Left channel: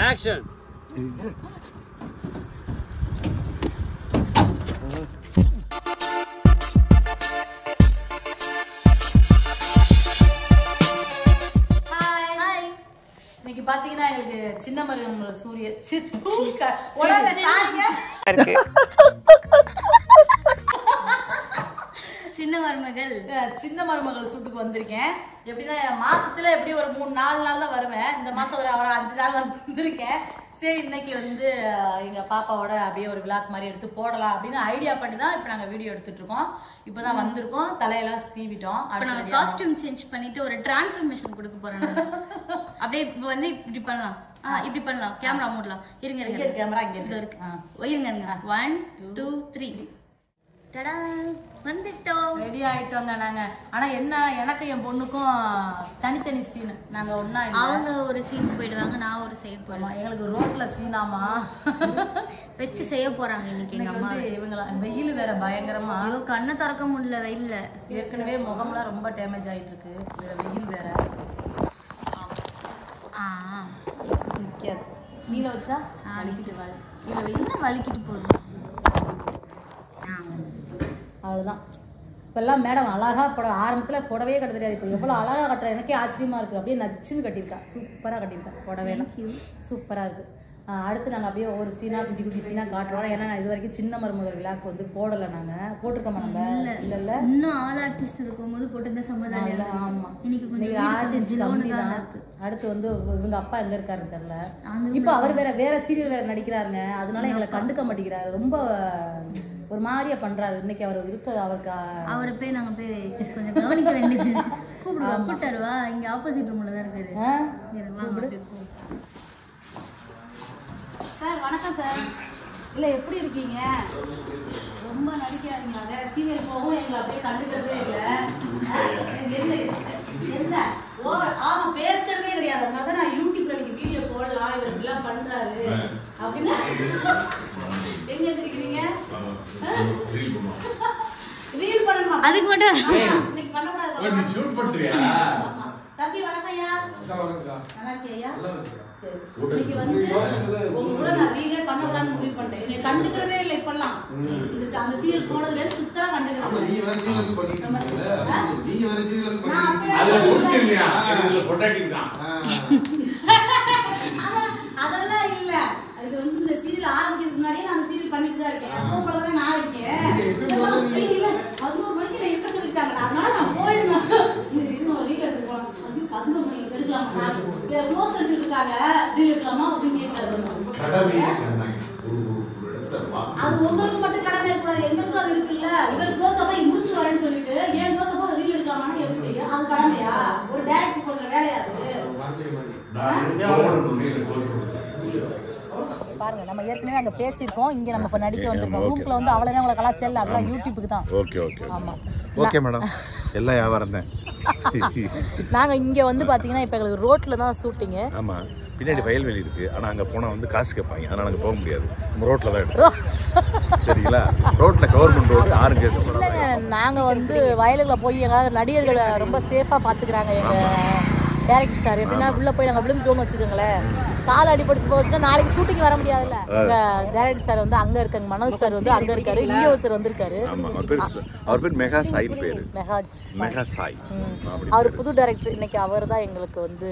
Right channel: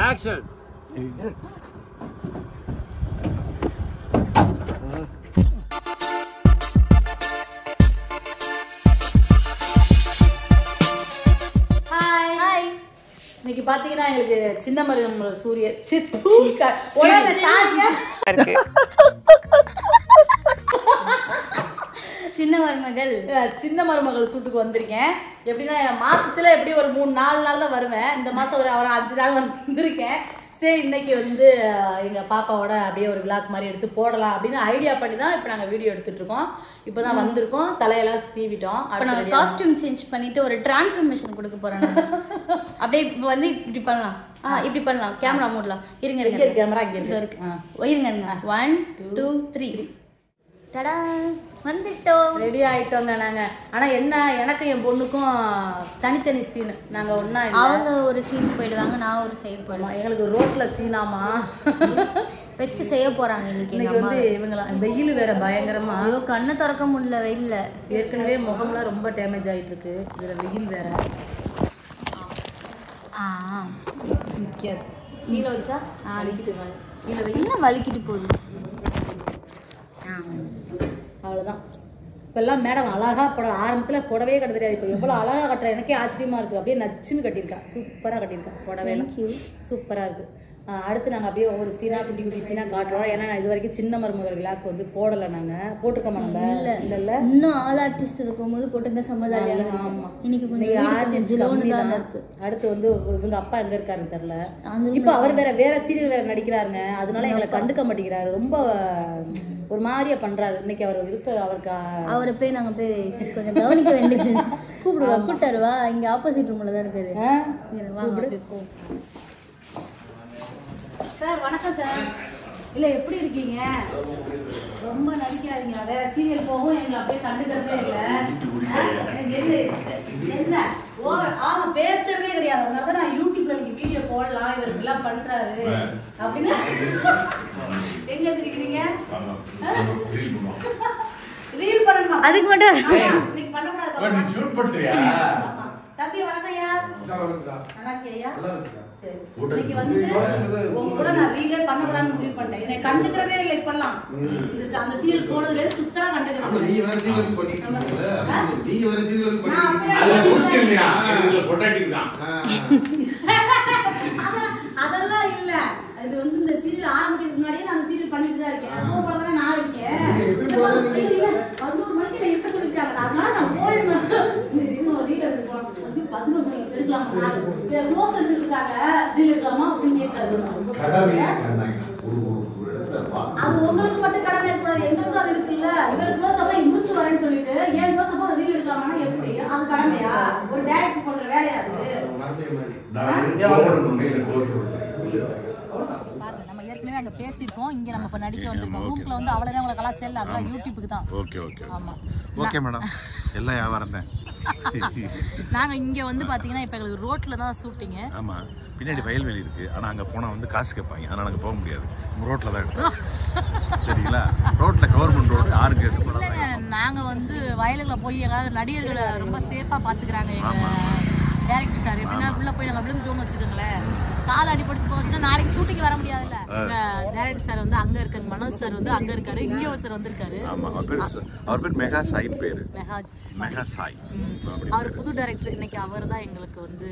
Action. இன்னைக்கு பாத்தீங்கன்னா எங்களுக்கு சின்ன மருமகள் சூரிய சின்ன மருமகள் சூட்டுக்கு வந்திருக்கேன். எப்படின்னா மாசத்துல எப்படி ஒரு 3-4 நாள் தான் வருவேன். இந்த மாசம் ஒரு 5 நாள் வந்திருக்கேன். சரி இன்னைக்கு வந்து எங்க பாப்பாவோட அப்படியே ஒரு விளாக் மாதிரி எடுத்து போடலாம் அப்படின்னு ஐடியா பண்ணி தான் இப்போ நாங்கள் வீடியோ எடுத்துட்டு இருக்கோம். இப்போதான் வந்திருக்கோம், தலையெல்லாம் சீவிட்டோம். நாங்கள் காஸ்டியூம் சேஞ்ச் பண்ணிட்டு ஒரு டிரான்ஸ்ஃபர்மேஷன் கொடுக்க போறோம். அப்படியே இப்போ வந்து இப்படி பண்ணலாம், இப்படி பண்ணலாம், கேமரா மூடலாம். இருங்க இருங்க, கேமரா இங்க இருக்கு. இருங்க இருங்க, 1 2 3 டடா வந்துட்டோம், ரெடி ஆயிட்டோங்க நாங்க. ஆனா என்ன, எனக்கு என் பொண்ணுக்கும் தனித்தனி சீன். நாங்க ஒண்ணா இல்ல, அவங்க ஒரு சீன் போயிடுவாங்க, நான் ஒரு சைடு போயிடுவேன். எங்களுக்கு ரோட்ல சீனாமா வச்சு செய்ய போறாங்க இன்னைக்கு. எங்க அம்மா இவங்களா வெயில் வேற பயங்கரமா, ஐயோ கண்ணை திறக்க முடியல வெயில்ல. ஏற்கனவே முகம்லாம் ரொம்ப டேமேஜ் ஆயிட்டு இருக்கு, இதுல வெயில் வேற. நிக்காது கீழே வச்சா வலிக்கிட்டு வாங்க, இதுல வெயில் வலிக்கிட்டு போகுது. அவ்வளோதான். இப்போல்லாம் மேடம் அழகா ஆரம்பத்தில் புடவையே கட்ட தெரியாது, இப்போ எவ்வளோ அழகாக கட்டுற எனக்கே ஆச்சரியமா இருக்குது. அப்படியே நச்சுன்னு கட்டியிருக்கா, சூப்பராக கட்டியிருக்கா புடவையெல்லாம், சூப்பராக இருக்குது. அடுத்து நாங்கள் அப்படியே ஒவ்வொரு சீனா குட்டி குட்டி சீனா காட்டுறோம். ஏன்னா இது வரைக்கும் சின்ன மருமகள் விழாக்கு வந்து போடலை, நாங்கள் போட்டிருக்கோமா நம்ம இல்லை இன்னும் ஆல் ஆர்டிஸ்ட் இருக்கும்போது போட்டு சமாதானம். ஆமாம், இன்னைக்கு கொஞ்சம் இருக்கு. அடுத்து வந்து இவங்க அப்பா எங்க இருக்காருன்னு தெரியல. இப்போ அவர் வேற சீரியல் வேற நடிக்கிறாருங்க, அதனால எங்களை கண்டுக்க மாட்டேங்கிறாரு, ரொம்ப ஒரு மாதிரியா பண்றாரு. இன்னைக்கு அவர் அவருக்கு அவரை போய் நாங்க போய் கொஞ்சம் கவனிக்க வேண்டியது. கூப்பிடுவா, கூப்பிட்டாருவா, இங்க ஆப்போசிட் ரூம்ல தான் இருக்காரு. சார் வணக்கம் சார். இல்ல எப்படி இருக்கீங்க? ரொம்ப நடிக்காதீங்க, வேற சீரியல் போகும், எங்களை அப்படியே கண்டுக்கிறதே இல்ல. ஆமா பேசுறதே கிடையாது. அதனால நான் யூடியூப்ல நீங்க வீடியோ போடலாம், இவர் எல்லாம் பண்றாரு அப்படின்னு. எங்க இருக்கீங்க? ரீல் பண்ணணுமா? அதுக்கு மட்டும் இன்னைக்கு பண்ணக்கூடாது. நீ ஷூட் பண்றியா? தம்பி வணக்கம்யா. நல்லா இருக்கியா? இன்னைக்கு வந்து உங்க கூட நான் ரீலே பண்ணக்கூடாதுன்னு முடிவு பண்ணேன். என்னை கண்டுக்கிறதே இல்லை இப்பெல்லாம். அந்த சீரியல் போனதுல சுத்தரா கண்டுக்கிறேன். அதெல்லாம் இல்ல, இது வந்து இந்த சீரியல் ஆரம்பிக்கிறதுக்கு முன்னாடியே நான் சீரியல் பண்ணிட்டு தான் இருக்கேன். போறதானே நான் இருக்கேன். 11 மணிக்கு என்ன சொல்லிட்டாங்க, அதனால நான் போயிருந்தேன். இன்னும் ரீல் எடுத்து போலாம், 11 மணிக்கு எடுக்கலாம். ரோஸ் எடுத்துருக்காங்க, ரீல் எடுக்கலாமா அப்படின்னு கேட்கறாங்க. அது உங்களுக்கு மட்டும் கடமை இருக்கக்கூடாது, எங்களுக்கும் அது இருக்குல்ல. உங்களுக்கு க்ளோஸ் அப்பா முடிச்சு வரேன்னு சொல்லிட்டு ஏன் க்ளோஸ் அப்பா ரீல் எடுக்கலாமான்னு எப்படி? அது கடமையா? ஒரு டைரக்டர் பண்ற வேலையா பாருங்க. நம்ம ஏற்கனவே அங்க பேசிருக்கோம், இங்க நம்ம இப்ப நடிக்க வந்திருக்கோம். ரூம்ல வந்து அவ்வளவு உங்களை கலாச்சல் அதெல்லாம் யூடியூப்க்கு தான். ஓகே ஓகே ஆமா ஓகே மேடம், எல்லாம் வியாபாரம் தான். நாங்க இங்க வந்து பாத்தீங்கன்னா இப்ப எங்களுக்கு ரோட்ல தான் ஷூட்டிங். ஆமா, பின்னாடி வயல்வெளி இருக்கு, ஆனா அங்க போனா வந்து காசு கேட்பாங்க, அதனால அங்க போக முடியாது. நம்ம ரோட்ல தான் எடுத்தோம், சரிங்களா? ரோட்ல கவர்மெண்ட் ரோடு, யாரும் கேஸ் போடாதீங்க. நாங்க வந்து வயலுக்குள்ள போய் எங்க நடிகர்களை ரொம்ப சேஃபா பாத்துக்கிறாங்க எங்க டைரக்டர் சார். எப்படின்னா உள்ள போய் நாங்க விழுந்துட்டோம்னு வச்சுக்கோங்களேன், கால் அடிபடிச்சு போச்சுன்னா நாளைக்கு ஷூட்டிங் வர முடியாதுல்ல. எங்க டைரக்டர் சார் வந்து அங்க இருக்காங்க, மனோஜ் சார் வந்து அங்க இருக்காரு, இங்க ஒருத்தர் வந்திருக்காரு. அவர் பேர் மெகா சாய் பேரு, மெகா சாய். அவர் புது டைரக்டர். இன்னைக்கு அவர் தான் எங்களுக்கு வந்து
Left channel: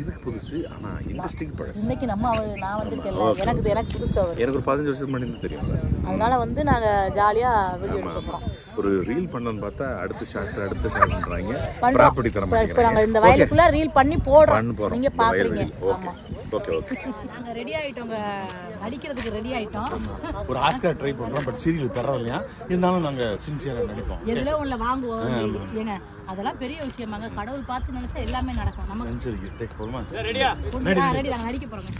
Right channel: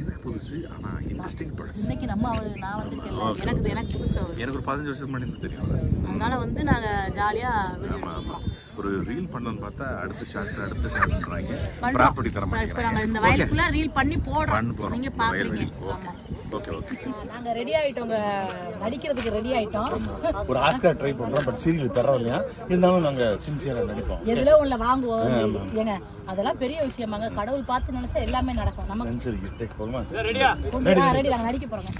இதுக்கு புதுசு, ஆனா இண்டஸ்ட்ரிக்கு பழசு. இன்னைக்கு நம்ம நான் வந்திருக்கேன்ல, எனக்கு புதுசு அவர். எனக்கு ஒரு 15 வருஷத்துக்கு முன்னாடி தெரியும். அதனால வந்து நாங்க ஜாலியா வீடியோ எடுக்கிறோம். ஒரு ரீல் பண்ணனும் பார்த்தா அடுத்த ஷாட்ன்றாங்க. ப்ராப்பர்ட்டி தரமா இப்ப நாங்க இந்த வயலுக்குள்ள ரீல் பண்ணி போடுறோம், நீங்க பாக்குறீங்க. ஆமா ஓகே ஓகே, நாங்க ரெடி ஆயிட்டோங்க, நடிக்கிறதுக்கு ரெடி ஆயிட்டோம். ஒரு ஆஸ்கார் ட்ரை பண்றோம், பட் சீரியல் தரலையா இருந்தாலும் நாங்க சின்சியரா நடிப்போம். எதுல உள்ள வாங்குவோம் ஏங்க, அதெல்லாம் பெரிய விஷயமாங்க. கடவுள் பார்த்து நினைச்சா எல்லாமே நடக்கும். நமக்கு சரி டேக் போறோமா? ரெடியா? ரெடி, நாங்க நடிக்க போறோங்க.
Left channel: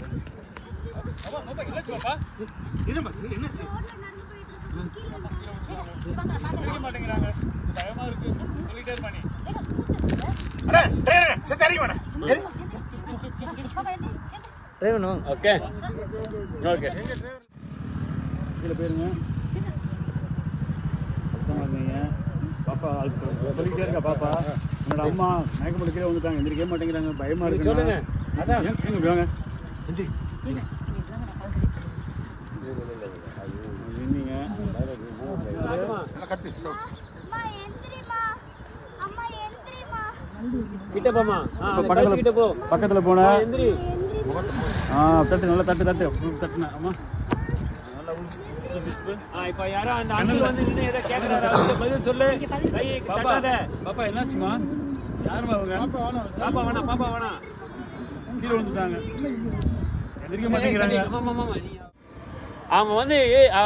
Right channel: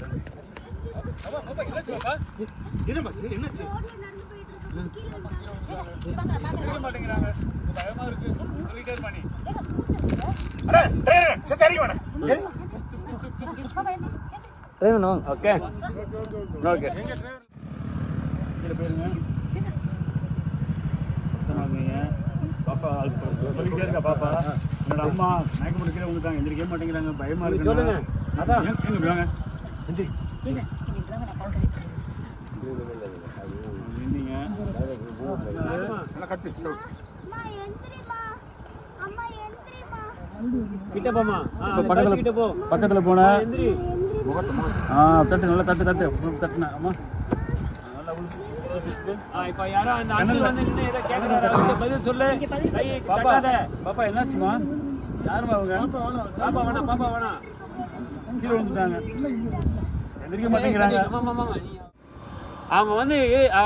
என்ன மச்சி, என்னாச்சு? மாட்டேங்கறாங்க, பயமா இருக்கு சொல்லிட்டே பண்ணி. அரே சரி வாடா டிரைவனும். Okay okay. இந்த பேருங்க சொன்னாங்க. பாப்பா சொல்லிட்டே பாப்பா, என்னோட அம்மா மயக்கம் எடுக்கவே வந்துட்டாங்க, எந்திரிக்கவே மாட்டேங்கிறாங்க, பயமா இருக்கு. சொல்லுங்க. அதான் எங்க வாங்க. பக்கத்துல போன தட்டு நல்லா தட்டு தட்டுன அம்மா இப்ப யாரோ அந்த அண்ணன் வந்து நின்னு ஏதோ கேக்குறாரு பதில் சொல்லு பாப்பா என்னாச்சுமா யாருமா அவங்க பாப்பா வேணாம் கீழே விழுந்துட்டாங்க எந்திரிக்க மாட்டேங்கிறாங்க அவங்க வந்து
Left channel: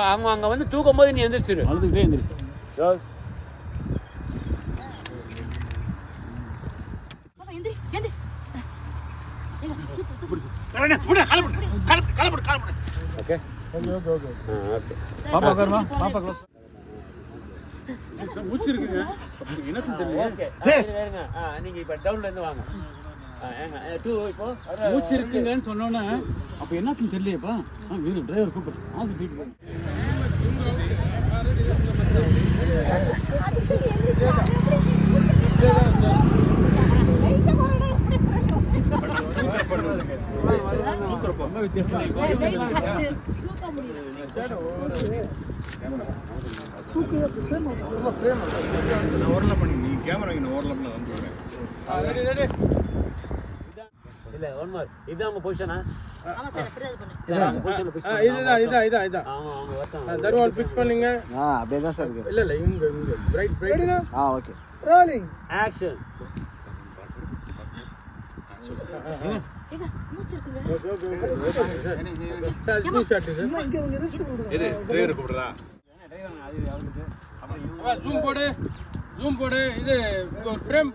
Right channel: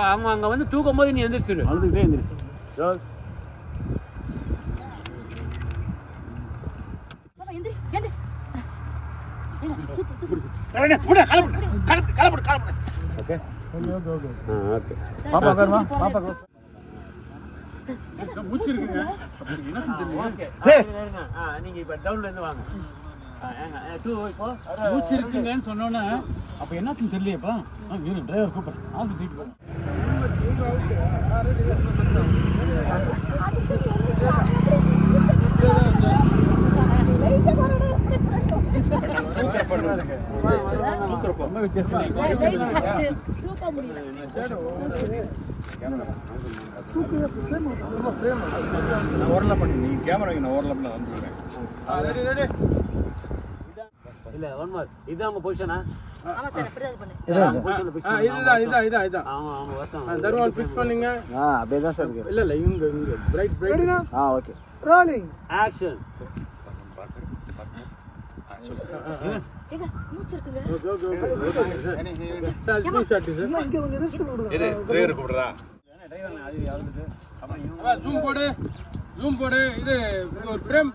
அவங்க அங்க வந்து தூக்கும் போது நீ எந்திரிச்சிரு அழுதுகிட்டே எந்திரிச்சு பாப்பா பேருமா பாப்பா க்ளோஸ் மூச்சு இருக்குங்க என்ன தெரியல நீங்க இப்ப டவுன்ல இருந்து வாங்க மூச்சு இருக்குங்கன்னு சொன்னோன்னே அப்ப என்னாச்சுன்னு தெரியலையப்பா டிரைவர் கூப்பிடுறேன் ஆஸ்பத்திரிக்கு ரொம்ப வித்தியாசம் நான் ஓரலாம் பண்ணி நீங்க கேமரா நான் ஓரலாம் நான் வந்துடுறேன் இல்ல ஒன் மோர் இதான் உங்க பொசிஷனா ஆமா சார் அப்படியே பண்ணு இதான் அவங்க தர்மல் பிக்ஸ் பண்ணீங்க அப்படியே தான் சார் இருக்கு இல்ல இங்க பிரைட் ஓகே ரோலிங் ஆக்ஷன் எது டிரைவர் கூப்பிடுறா ஜூம் போடு இது ஒரு ஃப்ரேம்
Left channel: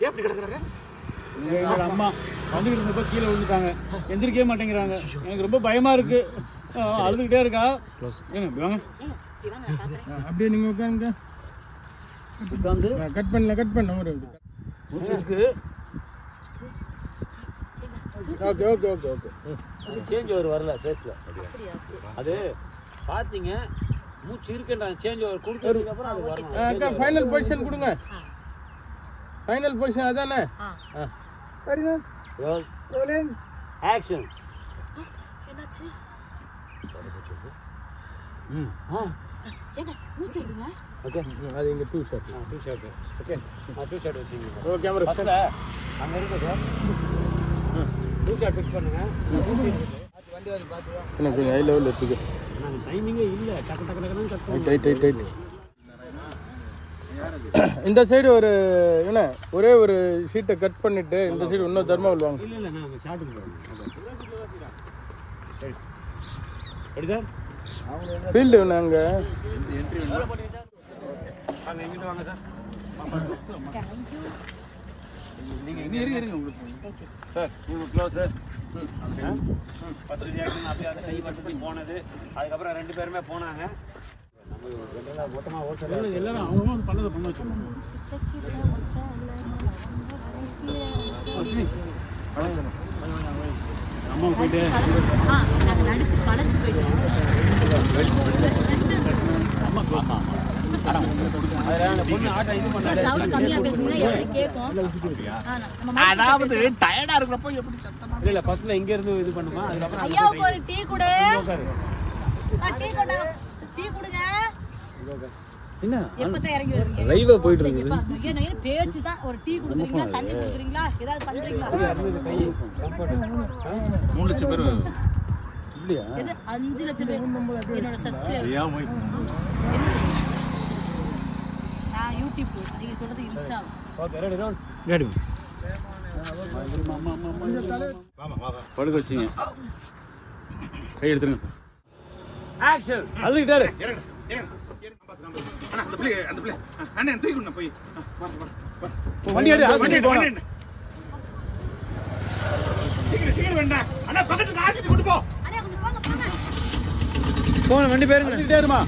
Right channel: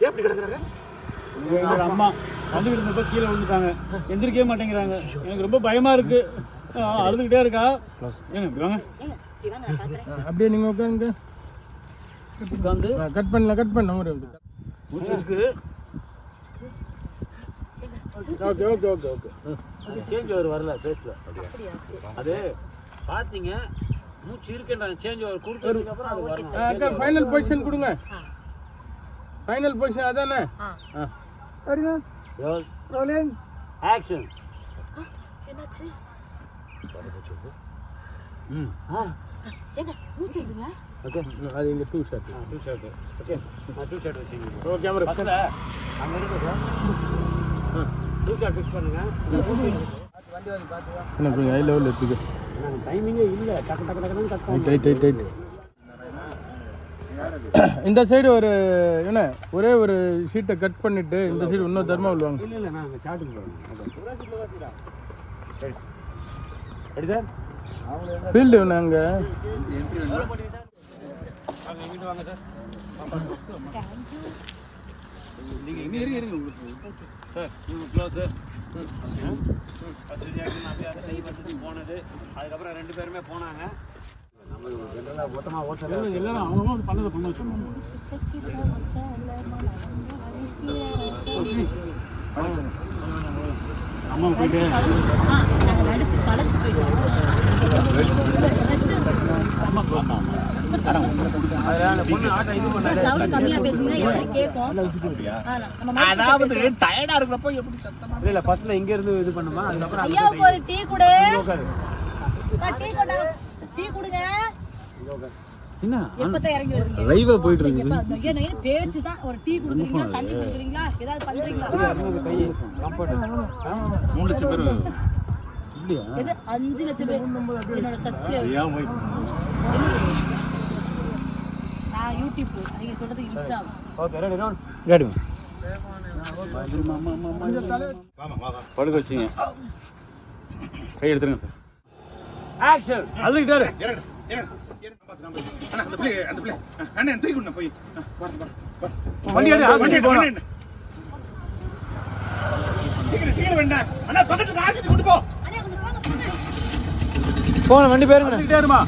எப்படி கிடக்குறாங்க எங்களோட அம்மா வந்துகிட்டு இருந்தப்ப கீழே விழுந்துட்டாங்க எந்திரிக்கவே மாட்டேங்கிறாங்க எனக்கு ரொம்ப பயமா இருக்கு அழுதுகிட்டே இருக்கா வாங்க அப்படியே நீங்க உட்காருங்க உட்காந்து கட் பண்ண ஒரு மூச்சு இருக்குது ஓகே சேஞ்ச் ஓவர் வரல ஃபேஸ்ல அது பாத்தீங்க மூச்சு இருக்குன்றாங்க சேஞ்ச் ஓவர் கொடுத்ததுக்கு அப்புறம் ஃபைனல் பொசிஷன் கொடுங்க ஃபைனல் பொசிஷன் அதானே அடிங்க ரோலிங் ஆக்ஷன் என்னாச்சு ஓகே அது இங்க two shot okay two shot வச்சீங்க ஓகே அவர் ஃபர்ஸ்ட் டூ ஷாட் ஃபிக்ஸ் பண்ணுங்க வண்டி வந்து பாத்துங்க எனக்கு ஹை லெவல் இருக்கு டைமிங்கே இல்ல டக்கு கட் டைட் இந்த சைடு ஒரு என்ன ஒரே ஒரு ஷீட்டை கட் பண்ணிட்டு இந்த சைடு இன்னும் தர்மம் வாங்க இல்ல நான் ஷாட்டுக்கு போறேன் ரெடி சார் ஃபீல்டு நாங்க என்ட்ரி வாங்க எங்கிட்ட வாங்க சார் நீங்க இங்க இருங்க சார் நீங்க க்ளோஸ் ஃபர்ஸ்ட் ரியாக்ஷன் அப்படியே அதை கை வச்சுட்டு போனது அதுக்கப்புறம் ரெண்டு பேருமே போனாங்க எல்லாரும் அவங்க பண்ணதை பண்ணி வச்சிருக்கோம் அம்மா போயிட்டு நாங்கள் நடிச்சு பழச்சு போயிட்டோம் சவுண்ட் கம்மியா பேசுனீங்கன்னா எப்படி கேட்கும் அதாவது டயர்டா இருக்கிறப்போ எப்படி சத்தமா இல்ல ஃபர்ஸ்ட்ல இங்க இருந்து இது பண்ணுமா அதுக்கப்புறம் ஐயாவுக்கு ஒரு டீ கொடு டீ கொடுங்க என்ன எப்பதான் இறங்கி வருவீங்க லைவா போயிட்டு இருக்கு பேச்சு தான் ஒரு டீ கொடுக்குறீங்களா தண்ணி கொடுக்குறீங்களா ஏதாவது பண்றீங்களா 3 லட்சம் பேர் இல்லையா எது 5 லட்சம் பேர் என்னோட சப்ஸ்கிரைபர் நான் யூடியூப் நீங்க சொல்றது இன்ஸ்டா கேடுங்க படுக்க வச்சிங்க கை எடுத்துருங்க சார் ஆக்ஷன் அழுகிட்டாரு அந்த பிள்ளை அண்ணன் தூக்கி போய் சீக்கிரம் வேண்டாம் அண்ணா பக்கத்துல ஆஸ்பத்திரி கொண்டு போ போன வண்டி பேருங்க சரிமா